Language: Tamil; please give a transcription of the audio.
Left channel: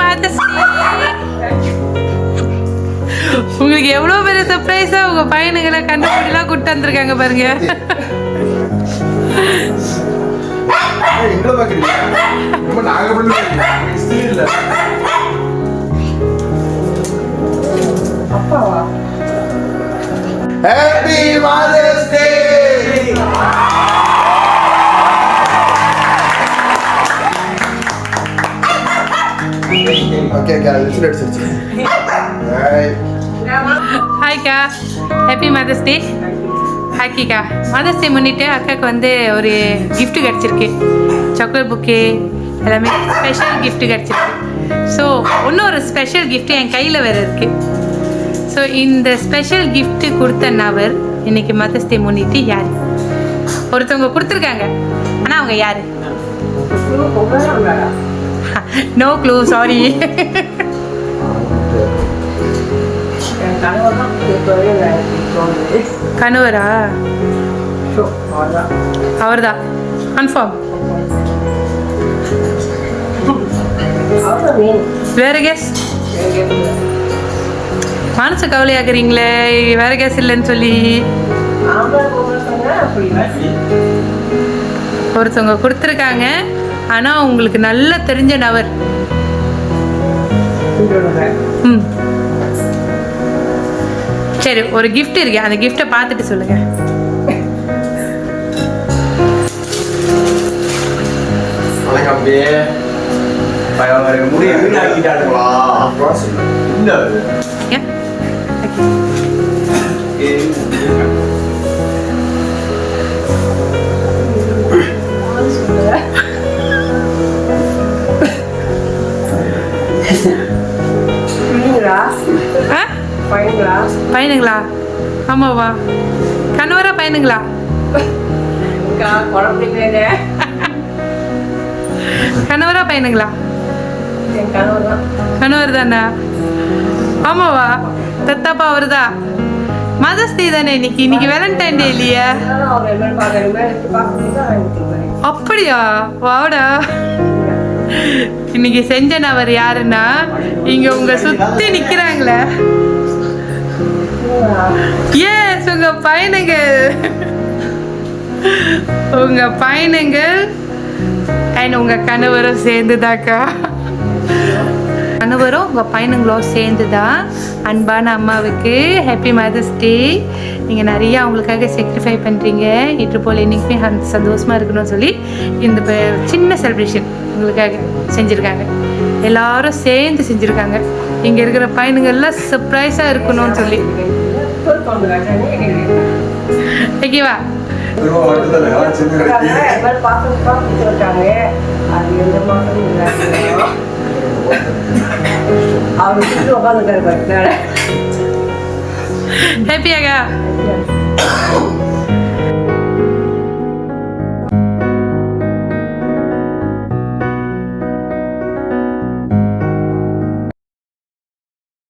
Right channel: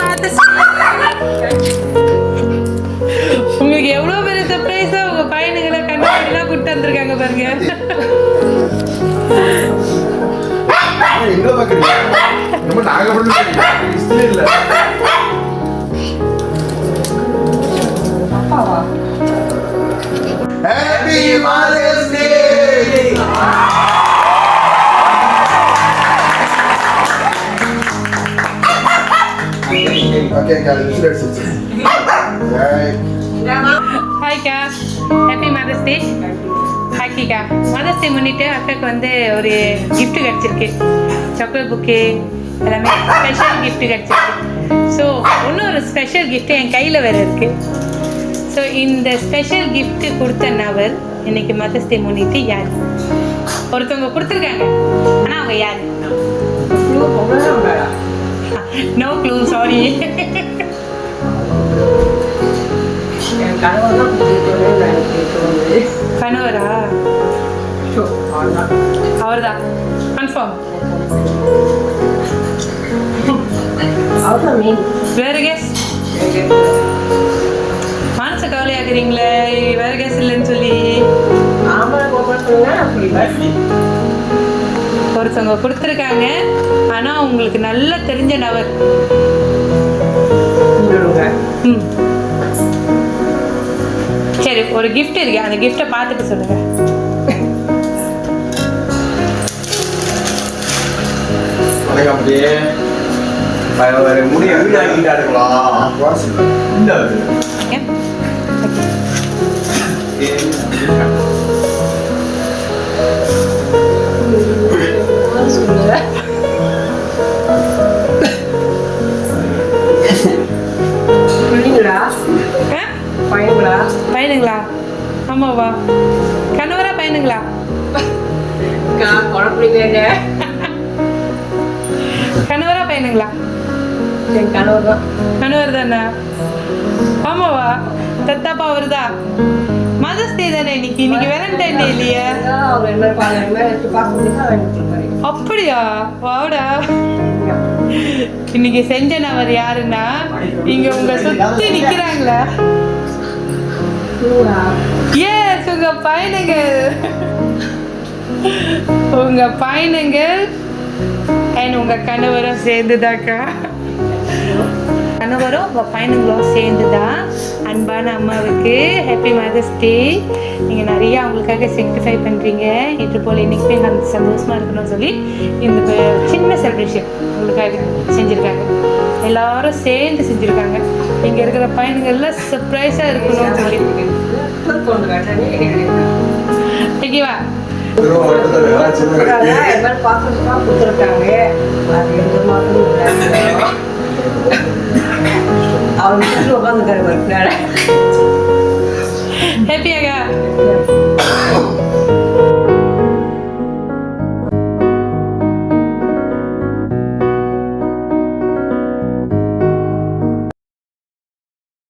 மதர்ஸ் உங்களுக்கு எவ்வளவு பெரிய சர்ப்ரைஸா உங்க பையனுங்களை கண்ணாடிலாம் கூட்டு வந்திருக்காங்க பாருங்க. எங்க பாக்குறீங்க? ரொம்ப நாங்க பண்ணுறீங்க இல்ல. அப்பாவா? Happy Mother's Day. Okay, guys, let's see. Hi அக்கா, happy mother's day. ஹாக்கிக்கா, mother's day முன்னிட்டு அக்காவுக்கு வந்து ஒரு gift கிடச்சிருக்கு. சாக்லேட் புக்கு எல்லாமே ஸ்பெஷல் gift கிடச்சிருக்கு. ஸோ இன்னொரு ஸ்பெஷல் gift என் கையில் வேறு இருக்குது. ஸோ இந்த ஸ்பெஷல் gift கொடுத்த நபர் இன்னைக்கு மதர்ஸ் டே முன்னிட்டு யார்? ஒருத்தவங்க கொடுத்துருக்காங்க, ஆனால் அவங்க யார்? No clue, sorry. கணவரா? அவர்தான் கன்ஃபார்ம். வேற கேஸ்? மனசு கவலையாக்குறீங்களே, வேற கேஸ் இல்லைன்னு சொல்லி. ஒருத்தவங்க கொடுத்துருக்காங்க, ஆனா உங்களுக்கு நல்லா தெரிஞ்ச நபர். சரி, ஒரு gift இருக்கு, அந்த gift-ஐ பார்த்துட்டு சொல்லுங்க. வணக்கம் அப்படியே வேற முடிய வீடு ஆக்கிட்டானுங்களா? இல்ல பையனுங்களா? ஆமாவா? கணவரா பையனுங்களா? கணவரா பையனுங்களா? கணவர் தானா? ஆமாவா? பெத்தப்பா அவருதா? மதர்ஸ் டே தானே இன்னைக்கு? இன்னைக்கு வேலண்டைன் டே இல்லையா? அப்படியா? வாடா. இன்னைக்கு செஞ்ச நபர் யாருன்னா, இங்க உங்க சுத்தி நிக்கிறாங்களே, எஸ், உங்க பையனுங்கள். உங்க பையனுங்கள் அண்ட் உங்க கணவரும் சேர்ந்துதாக்கா. கணவரும் உங்க பையனுங்களும் சேர்ந்துதான் அன்பான அம்மாவுக்கு ஹாப்பி மதர்ஸ் டே. நீங்கள் நிறைய அவங்களுக்காக சாக்ரிஃபை பண்ணுறீங்க. இது போல் இன்றைக்குமே சந்தோஷமாக இருக்கணும்னு சொல்லி இந்த சின்ன செலிப்ரேஷன் உங்களுக்காக செஞ்சுருக்காங்க. எல்லாரும் சேர்ந்து செஞ்சுருக்காங்க. இங்கே இருக்கிற பையனுங்கள்லாம் சர்ப்ரைஸாக இருக்கணும்னு சொல்லி. ஓகேவா? ஹாப்பியாகா?